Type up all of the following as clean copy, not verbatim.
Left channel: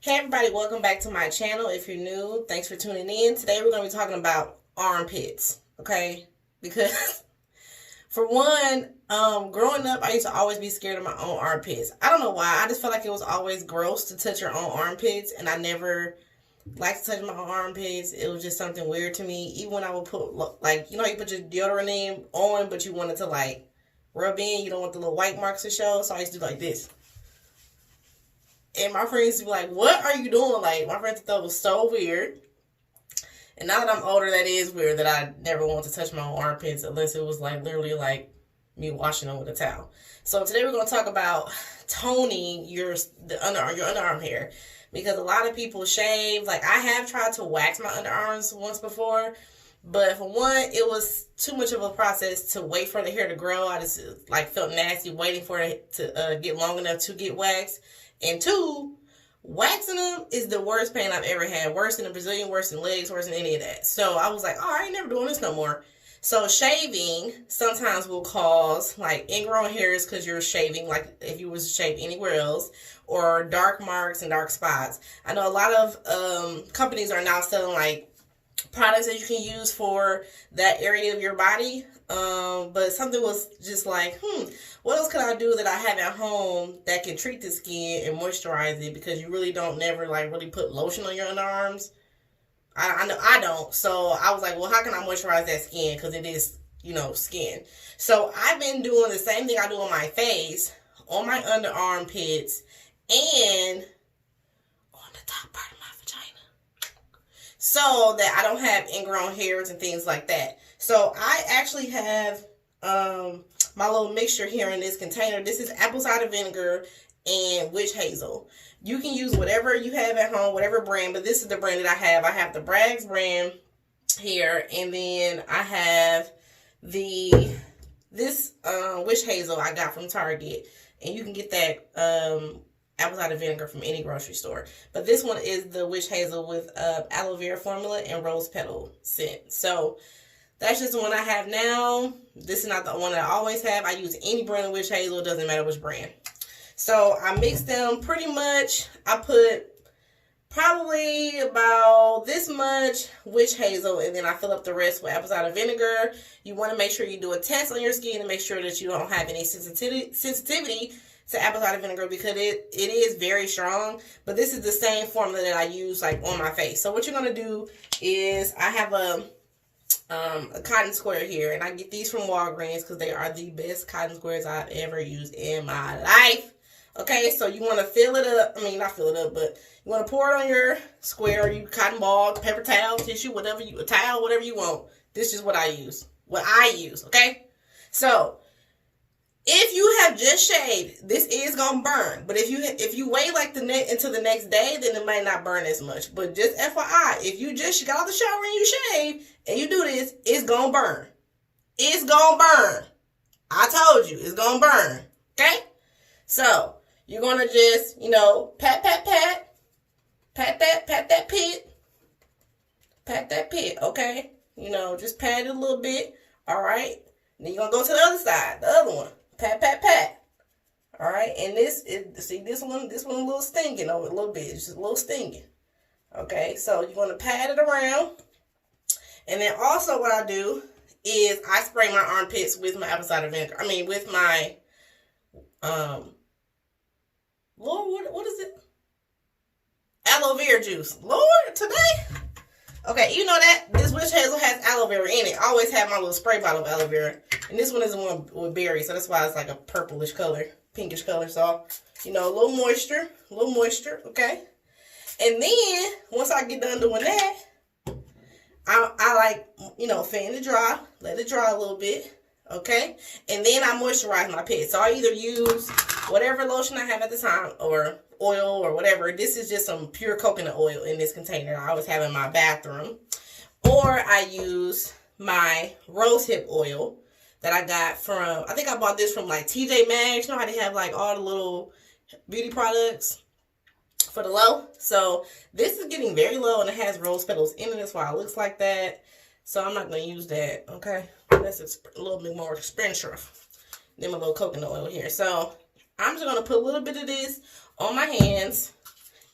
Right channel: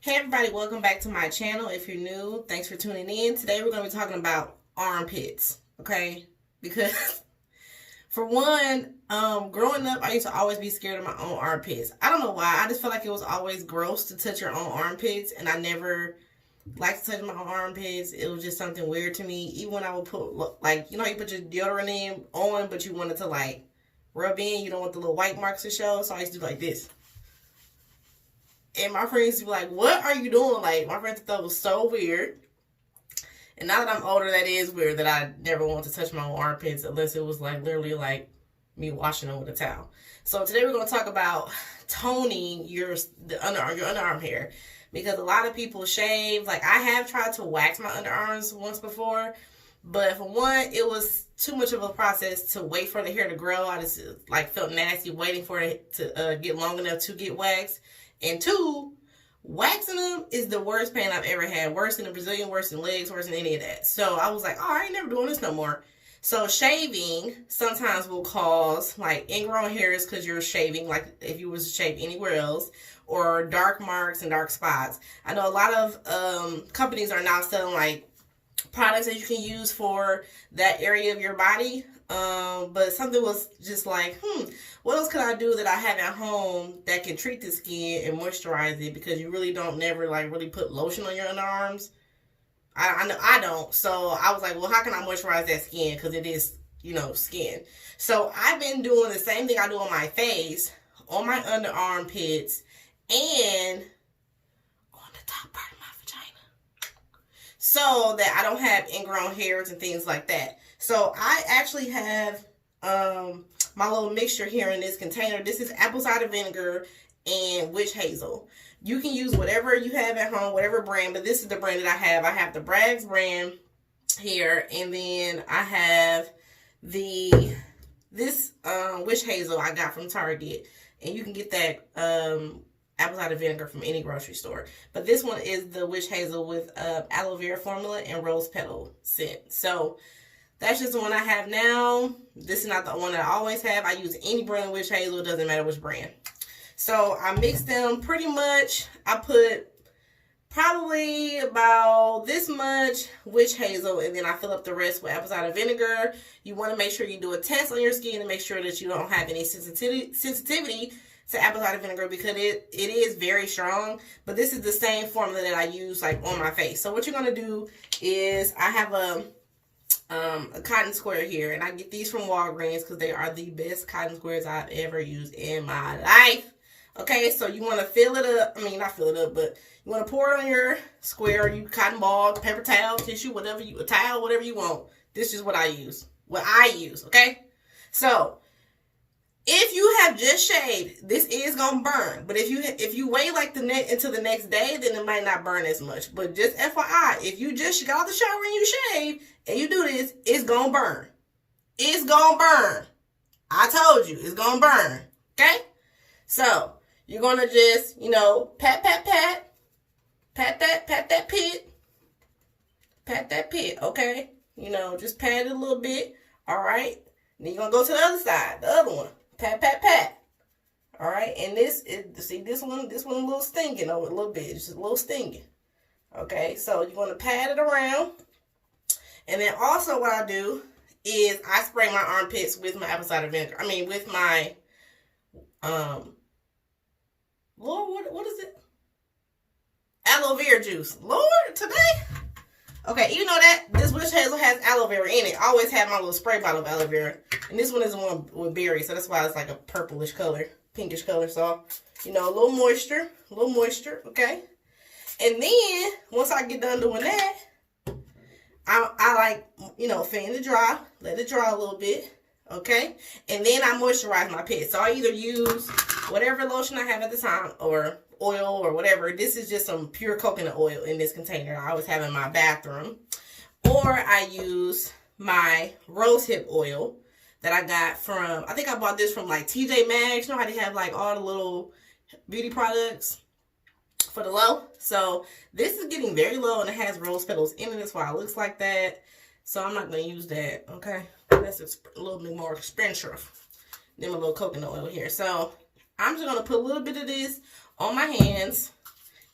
Hey everybody, welcome back to my channel. If you're new, thanks for tuning in. Today we're going to be talking about armpits, okay? Because for one, growing up, I used to always be scared of my own armpits. I don't know why. I just felt like it was always gross to touch your own armpits, and I never liked to touch my own armpits. It was just something weird to me. Even when I would put, like, you know, you put your deodorant in on, but you wanted to, like, rub in. You don't want the little white marks to show, so I used to do like this. And my friends would be like, what are you doing? Like, my friends thought it was so weird. And now that I'm older, that is weird that I never want to touch my own armpits unless it was like literally like me washing them with a towel. So today we're going to talk about toning your underarm hair. Because a lot of people shave. Like, I have tried to wax my underarms once before. But for one, it was too much of a process to wait for the hair to grow. I just like felt nasty waiting for it to get long enough to get waxed. And two, waxing them is the worst pain I've ever had. Worse than the Brazilian, worse than legs, worse than any of that. So I was like, oh, I ain't never doing this no more. So shaving sometimes will cause like ingrown hairs because you're shaving, like if you was to shave anywhere else, or dark marks and dark spots. I know a lot of companies are now selling like products that you can use for that area of your body. But something was just like, what else could I do that I have at home that can treat the skin and moisturize it? Because you really don't never like really put lotion on your underarms. I know I don't. So I was like, well, how can I moisturize that skin? Because it is, you know, skin. So I've been doing the same thing I do on my face, on my underarm pits, and on the top part of my vagina, so that I don't have ingrown hairs and things like that. So I actually have my little mixture here in this container. This is apple cider vinegar and witch hazel. You can use whatever you have at home, whatever brand, but this is the brand that I have. I have the Bragg's brand here, and then I have this witch hazel I got from Target, and you can get that apple cider vinegar from any grocery store. But this one is the witch hazel with aloe vera formula and rose petal scent. So that's just the one I have now. This is not the one that I always have. I use any brand of witch hazel. It doesn't matter which brand. So I mix them pretty much. I put probably about this much witch hazel, and then I fill up the rest with apple cider vinegar. You want to make sure you do a test on your skin to make sure that you don't have any sensitivity to apple cider vinegar, because it is very strong. But this is the same formula that I use like on my face. So what you're going to do is, I have a cotton square here, and I get these from Walgreens because they are the best cotton squares I've ever used in my life. Okay, so you want to fill it up. I mean, not fill it up, but you want to pour it on your square, you cotton ball, paper towel, tissue, whatever a towel, whatever you want. This is what I use. Okay? So if you have just shaved, this is gonna burn. But if you wait like until the next day, then it might not burn as much. But just FYI, if you just got out the shower and you shave and you do this, it's gonna burn. It's gonna burn. I told you, it's gonna burn. Okay? So you're gonna just, you know, pat that pit, okay? You know, just pat it a little bit. All right. Then you're gonna go to the other side, the other one. Pat. All right, and this one a little stinging over a little bit, just a little stinging. Okay, so you're gonna pat it around, and then also what I do is I spray my armpits with my apple cider vinegar. I mean, with my Lord, what is it? Aloe vera juice. Lord, today. Okay, you know that this witch hazel has aloe vera in it. I always have my little spray bottle of aloe vera. And this one is the one with berries, so that's why it's like a purplish color, pinkish color. So, you know, a little moisture, okay? And then, once I get done doing that, I like, you know, fan it dry, let it dry a little bit, okay? And then I moisturize my pits. So I either use whatever lotion I have at the time, or oil, or whatever. This is just some pure coconut oil in this container I always have in my bathroom. Or I use my rosehip oil that I got from, I think I bought this from like TJ Maxx. You know how they have like all the little beauty products for the low? So this is getting very low, and it has rose petals in it. That's why it looks like that. So I'm not going to use that, okay? That's a little bit more expensive than my little coconut oil here. So I'm just going to put a little bit of this on my hands,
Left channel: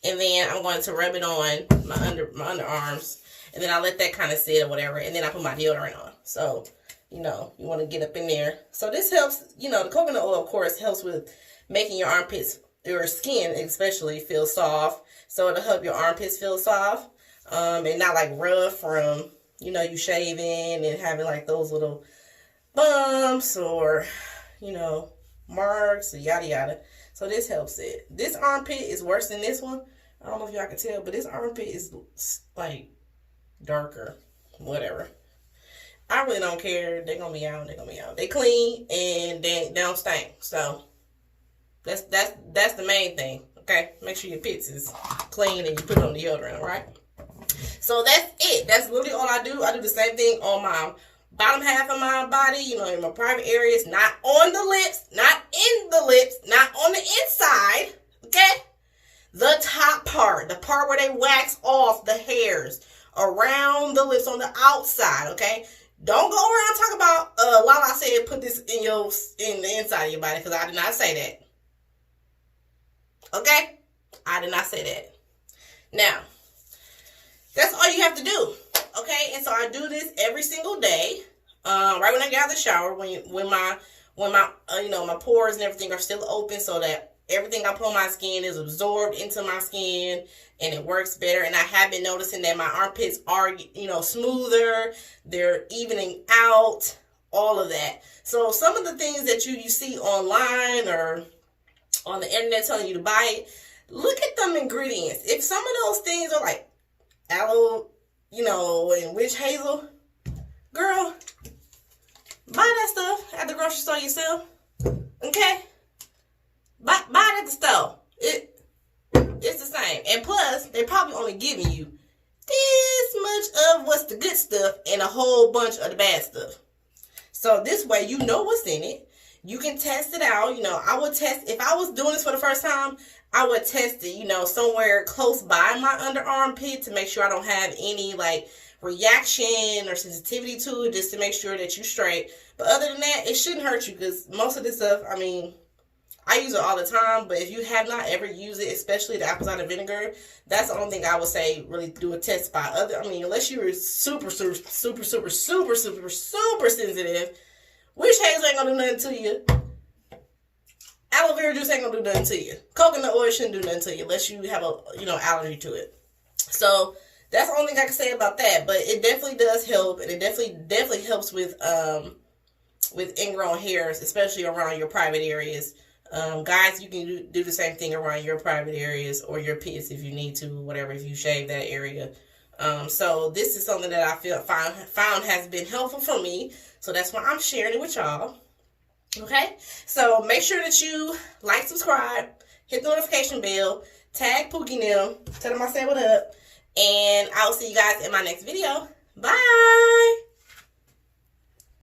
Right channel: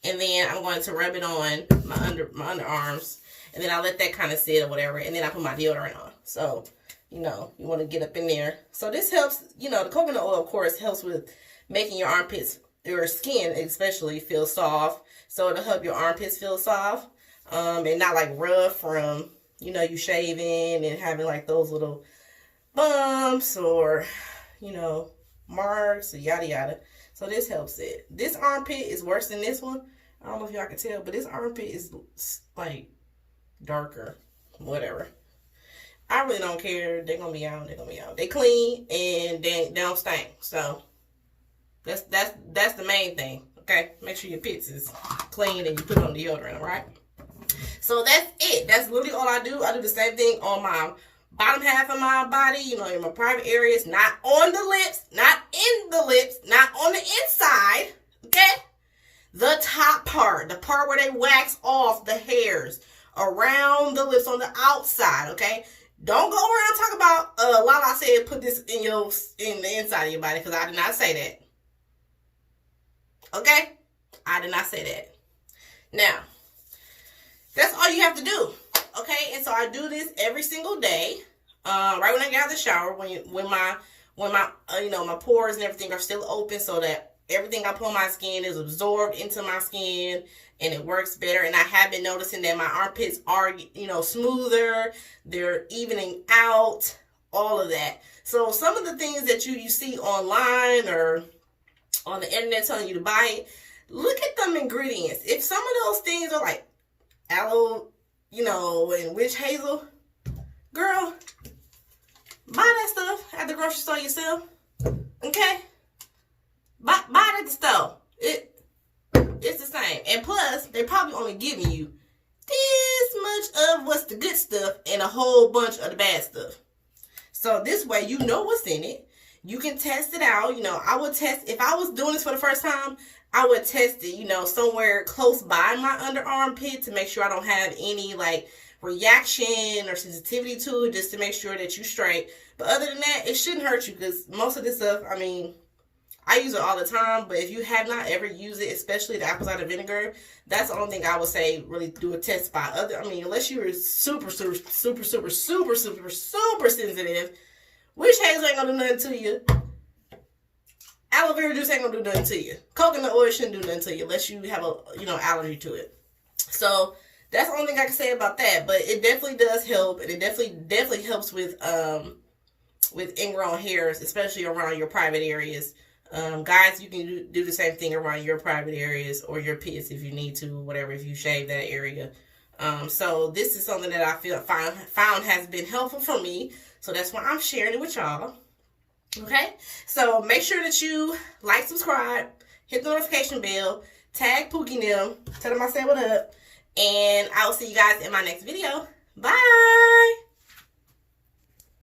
And then I'm going to rub it on my underarms. And then I let that kind of sit or whatever. And then I put my deodorant on. So, you know, you want to get up in there. So this helps, you know, the coconut oil, of course, helps with making your armpits, your skin especially, feel soft. So it'll help your armpits feel soft. And not like rough from, you know, you shaving and having like those little bumps or, you know, marks or yada yada. So this helps it. This armpit is worse than this one. I don't know if y'all can tell, but this armpit is like darker. Whatever. I really don't care. They're gonna be out. They're gonna be out. They clean and they don't stink. So that's the main thing. Okay, make sure your pits is clean and you put on deodorant. All right. So that's it. That's literally all I do. I do the same thing on my bottom half of my body, you know, in my private areas, not on the lips, not in the lips, not on the inside, okay? The top part, the part where they wax off the hairs around the lips on the outside, okay? Don't go around and talk about, Lala said put this in the inside of your body, because I did not say that. Okay? I did not say that. Now, that's all you have to do. Okay, and so I do this every single day, right when I get out of the shower, when my you know, my pores and everything are still open, so that everything I put on my skin is absorbed into my skin and it works better. And I have been noticing that my armpits are, you know, smoother, they're evening out, all of that. So some of the things that you see online or on the internet telling you to buy it, look at them ingredients. If some of those things are like aloe, you know, and witch hazel, girl, buy that stuff at the grocery store yourself. Okay? Buy it at the store. It's the same. And plus, they're probably only giving you this much of what's the good stuff and a whole bunch of the bad stuff. So this way, you know what's in it. You can test it out. You know, I would test, if I was doing this for the first time, I would test it, you know, somewhere close by my underarm pit to make sure I don't have any, like, reaction or sensitivity to it, just to make sure that you're straight. But other than that, it shouldn't hurt you, because most of this stuff, I mean, I use it all the time, but if you have not ever used it, especially the apple cider vinegar, that's the only thing I would say really do a test by. I mean, unless you're super sensitive, witch hazel ain't gonna do nothing to you. Aloe vera juice ain't gonna do nothing to you. Coconut oil shouldn't do nothing to you unless you have a, you know, allergy to it. So that's the only thing I can say about that. But it definitely does help, and it definitely helps with ingrown hairs, especially around your private areas. Guys, you can do the same thing around your private areas or your pits if you need to, whatever, if you shave that area. So this is something that I found has been helpful for me. So that's why I'm sharing it with y'all. Okay, so make sure that you like, subscribe, hit the notification bell, tag Pookie and them, tell them I said what up, and I'll see you guys in my next video. Bye!